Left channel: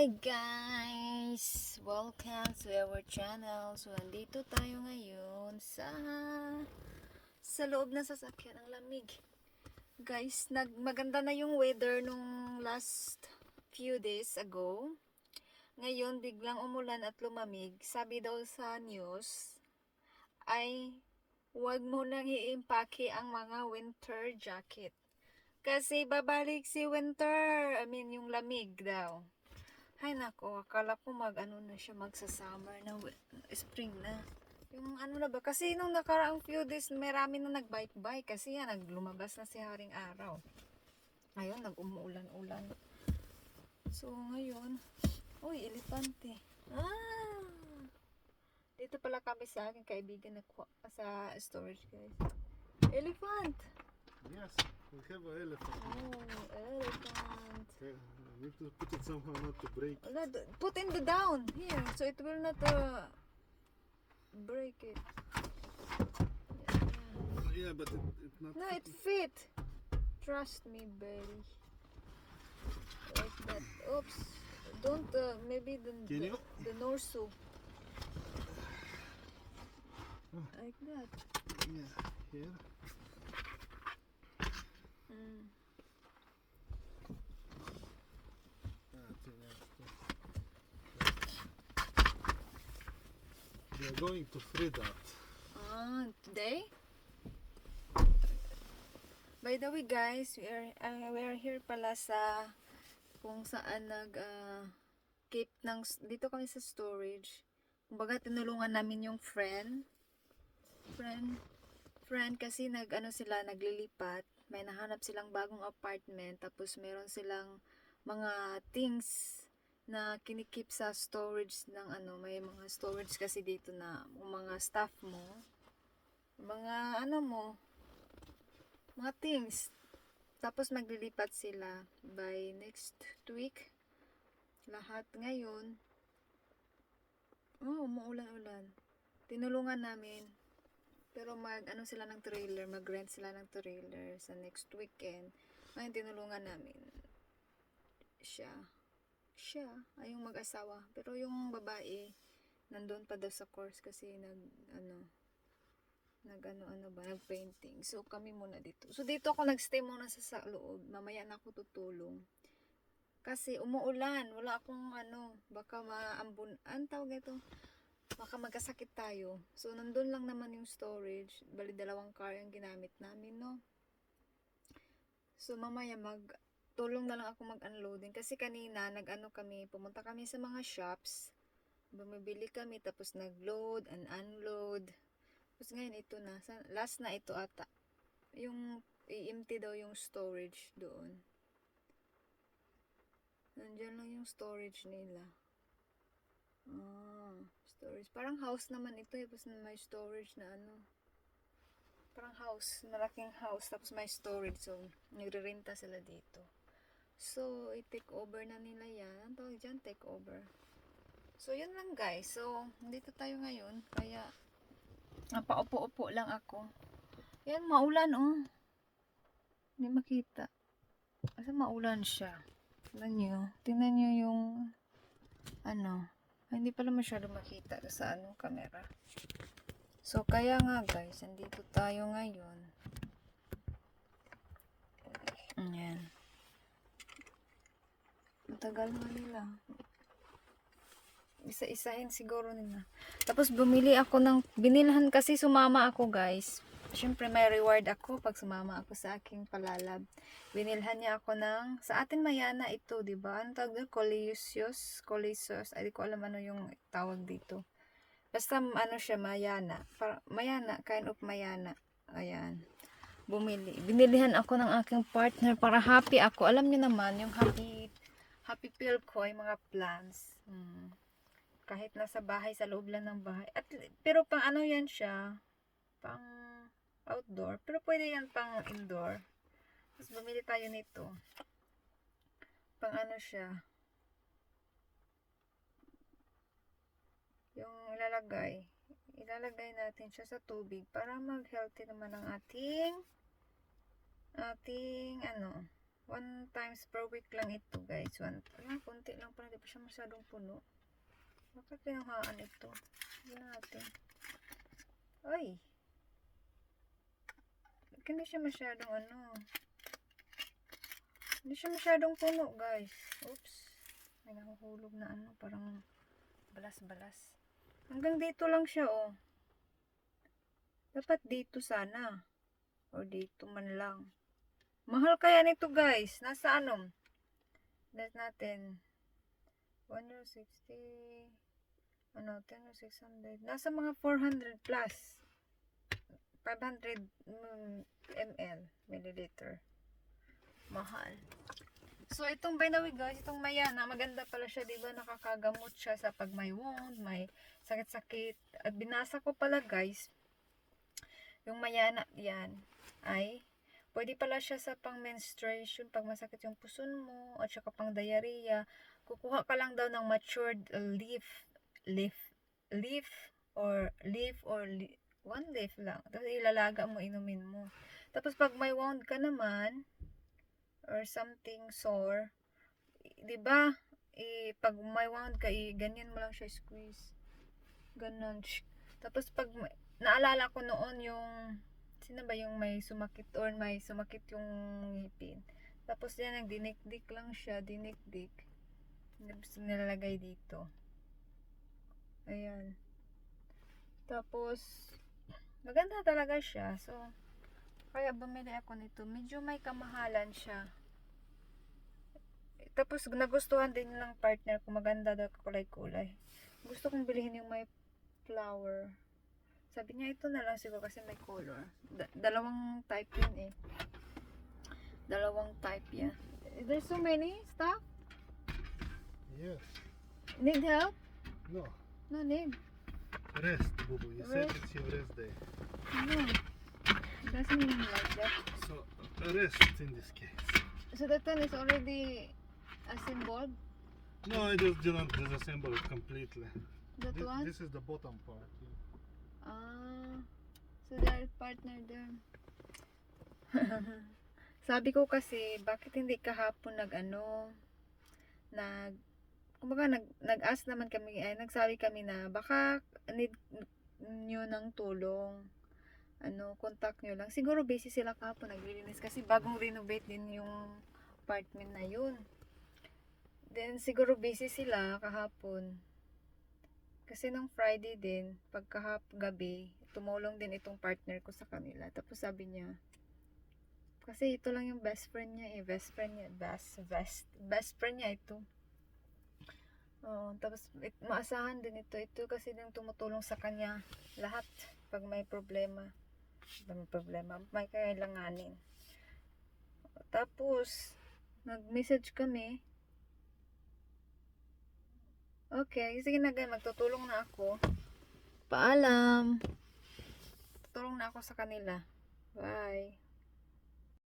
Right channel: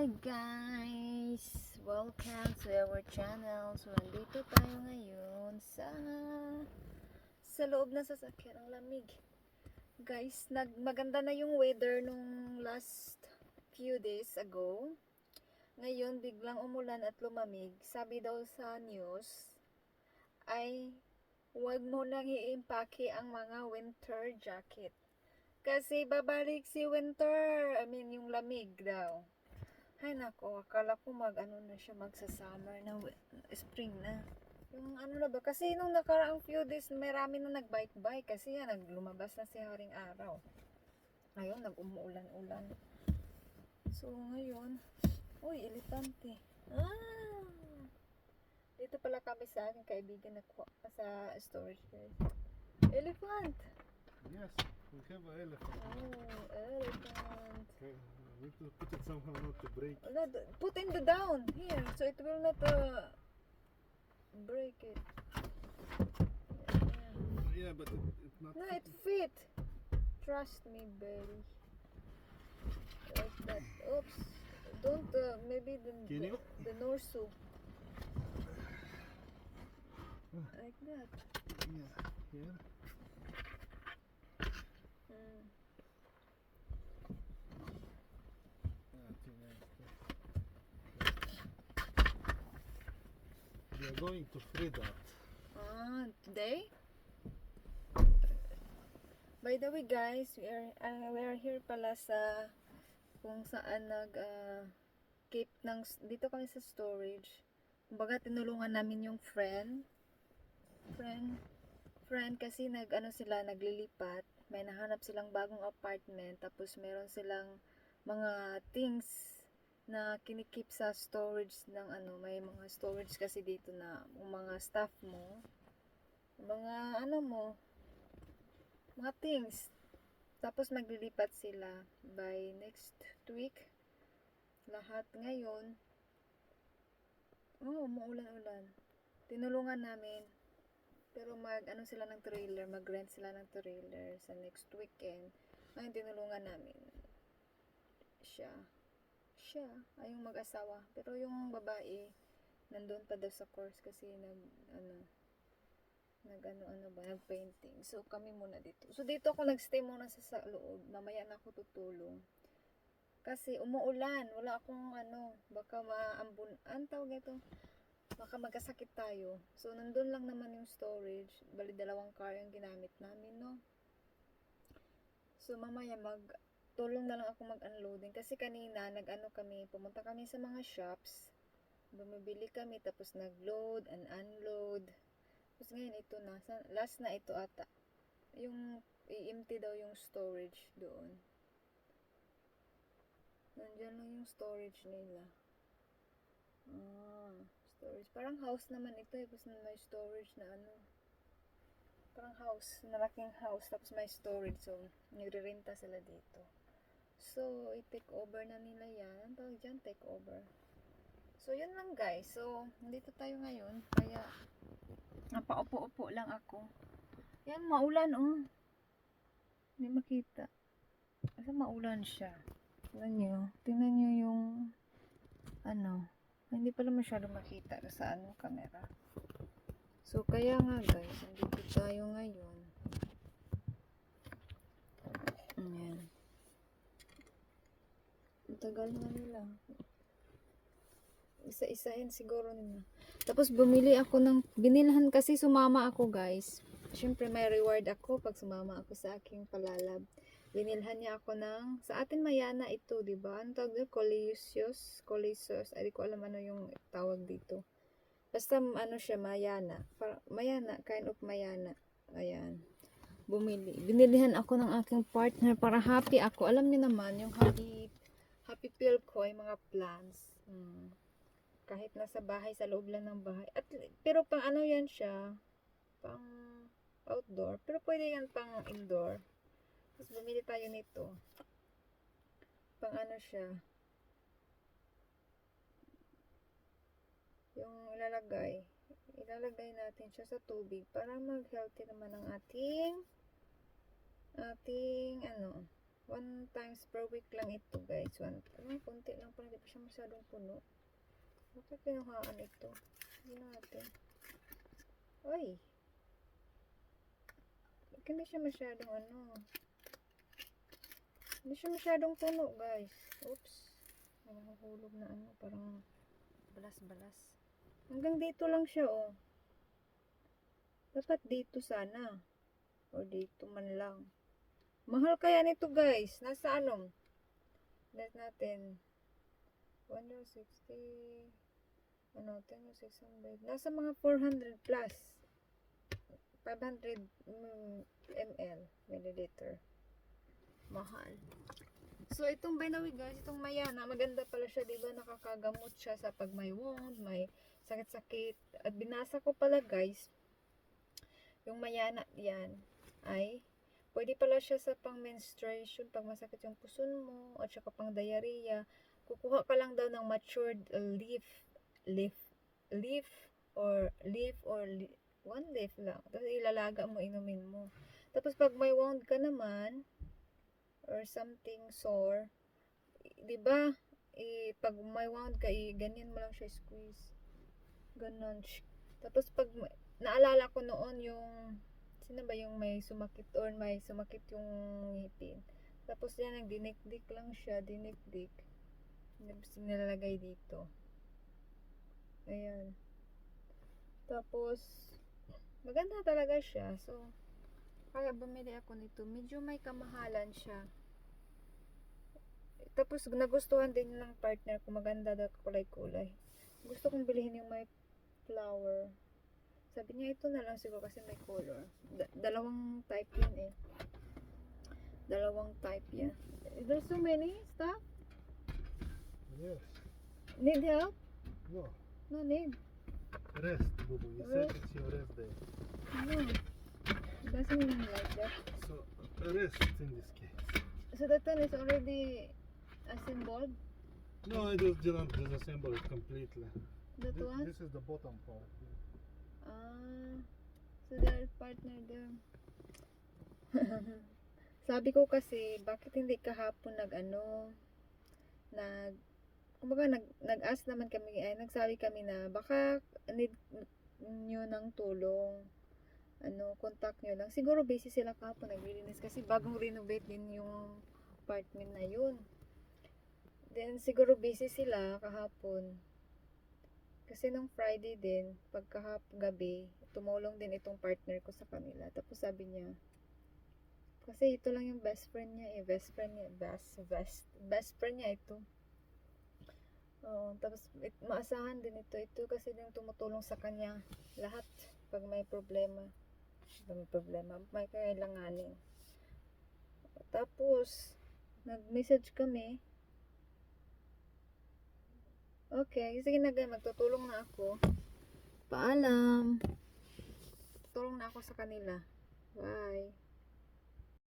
Hi guys! Welcome to our channel. So, andito tayo ngayon sa sa loob ng sasakyan. Ang lamig. Guys, nag maganda na yung weather nung last few days ago. Ngayon, biglang umulan at lumamig. Sabi daw sa news, ay huwag mo nang iimpake ang mga winter jacket. Kasi babalik si winter. I mean, yung lamig daw. Ay nako, akala ko mag ano na siya magsa-summer na spring na. Yung ano na ba? Kasi nung nakaraang few days, marami na nag-bike-bike kasi yan, naglumabas na si Haring Araw. Ngayon, nag-umuulan-ulan. So, ngayon, uy, elepante. Ah! Dito pala kami sa aking kaibigan na sa storage guys. Elephant! Yes, we have an elephant. Oh, elephant. Okay, I need to put it somehow not to break. Wala, Put in the down here so it will not uh, break it. Yeah, but it, it's not. No, it fit. Trust me, baby. Like that. Oops. Don't uh, maybe the Can the, the Norsu. Oh. Like that. Yeah, here. Mm. That's- We are going to free that. Ah, today? By the way, guys, we are uh, we are here pala sa kung saan nag uh, keep ng dito kami sa storage. Kumbaga tinulungan namin yung friend. Friend friend kasi nag ano sila naglilipat. May nahanap silang bagong apartment tapos meron silang mga things na kinikip sa storage ng ano, may mga storage kasi dito na mga stuff mo, mga ano mo, mga things. Tapos maglilipat sila by next week. Lahat ngayon. Oh, umuulan-ulan. Tinulungan namin. Pero mag ano sila ng trailer, mag-rent sila ng trailer sa next weekend. Ngayon tinulungan namin siya siya ay yung mag-asawa. Pero yung babae nandun pa daw sa course kasi nag ano nag ano ano ba nag painting so kami muna dito. So dito ako nagstay muna sa, sa loob. Mamaya na ako tutulong. Kasi umuulan. Wala akong ano baka maambun an tawag ito baka magkasakit tayo. So nandun lang naman yung storage. Bali dalawang car yung ginamit namin no? So mamaya mag tulong na lang ako mag-unloading kasi kanina nag-ano kami, pumunta kami sa mga shops. Bumibili kami tapos nag-load and unload. Tapos ngayon ito na, last na ito ata. Yung i-empty daw yung storage doon. Nandiyan lang yung storage nila. Ah, storage. Parang house naman ito eh, tapos may storage na ano. Parang house, malaking house, tapos may storage. So, nagre-renta sila dito. So, i-take over na nila yan. Ang tawag dyan? Take over. So, yun lang guys. So, dito tayo ngayon. Kaya, napaupo-upo lang ako. Yan, maulan oh. Hindi makita. Kasi maulan siya. Tingnan nyo. Tingnan nyo yung, ano, ay, hindi pala masyado makita sa ano, camera. So, kaya nga guys, nandito tayo ngayon. Ayan. Tagal nga nila. Isa-isahin siguro nila. Tapos bumili ako ng, binilhan kasi sumama ako guys. Siyempre may reward ako pag sumama ako sa aking palalab. Binilhan niya ako ng, sa atin mayana ito, di ba? Ano tawag doon? Coleus. Coleus. Ay, di ko alam ano yung tawag dito. Basta ano siya, mayana. Para, mayana, kind of mayana. Ayan. Bumili. Binilihan ako ng aking partner para happy ako. Alam niyo naman, yung happy happy pill ko ay mga plants. Hmm. Kahit nasa bahay, sa loob lang ng bahay. At, pero pang ano yan siya, pang outdoor. Pero pwede yan pang indoor. Tapos bumili tayo nito. Pang ano siya. Yung ilalagay. Ilalagay natin siya sa tubig para mag-healthy naman ang ating ating ano one times per week lang ito guys one, ah, konti lang pala di pa siya masyadong puno. Bakit kinuhaan ito? Hindi natin. Ay! Hindi siya masyadong ano. Hindi siya masyadong puno, guys. Oops. May nahuhulog na ano. Parang balas-balas. Hanggang dito lang siya, oh. Dapat dito sana. O dito man lang. Mahal kaya nito, guys. Nasa ano? Net natin. 160 ano, 10 or 600. Nasa mga 400 plus. 500 mm, ml, milliliter. Mahal. So, itong by the guys, itong mayana, maganda pala siya, di ba? Nakakagamot siya sa pag may wound, may sakit-sakit. At binasa ko pala guys, yung mayana yan ay pwede pala siya sa pang menstruation pag masakit yung puson mo at saka pang diarrhea. Kukuha ka lang daw ng matured leaf leaf leaf or leaf or li- one leaf lang. Tapos ilalaga mo inumin mo. Tapos pag may wound ka naman or something sore di ba i pag may wound ka i ganyan mo lang siya squeeze. Ganon. Tapos pag naalala ko noon yung sino ba yung may sumakit or may sumakit yung ngipin? Tapos yan nagdinikdik lang siya dinikdik. Tapos nilalagay dito. Ayan. Tapos maganda talaga siya. So kaya bumili ako nito. Medyo may kamahalan siya. Tapos nagustuhan din ng partner ko. Maganda daw kulay-kulay. Gusto kong bilhin yung may flower sabi niya ito na lang siguro kasi may color. Da- dalawang type yun eh. Dalawang type yan. There's so many stuff. Yes. Need help? No. No need. Rest, Boo. You Rest. said it's your rest day. No. It doesn't mean like that. So, rest in this case. So that one is already assembled. No, I just didn't disassemble it completely. That Thi- one? This is the bottom part. Ah. So they're partner there. Sabi ko kasi, bakit hindi kahapon nag ano, nag, kumbaga nag, nag-ask naman kami, ay nagsabi kami na baka need nyo ng tulong. Ano, contact nyo lang. Siguro busy sila kahapon naglilinis kasi bagong renovate din yung apartment na yun. Then siguro busy sila kahapon. Kasi nung Friday din, pagkahap gabi, tumulong din itong partner ko sa kanila. Tapos sabi niya, kasi ito lang yung best friend niya eh. Best friend niya. Best, best, best friend niya ito. Oo, tapos it, maasahan din ito. Ito kasi din tumutulong sa kanya. Lahat. Pag may problema. Pag may problema. May kailanganin. Tapos, nag-message kami. Okay, sige na guys, magtutulong na ako. Paalam. Tutulong na ako sa kanila. Bye.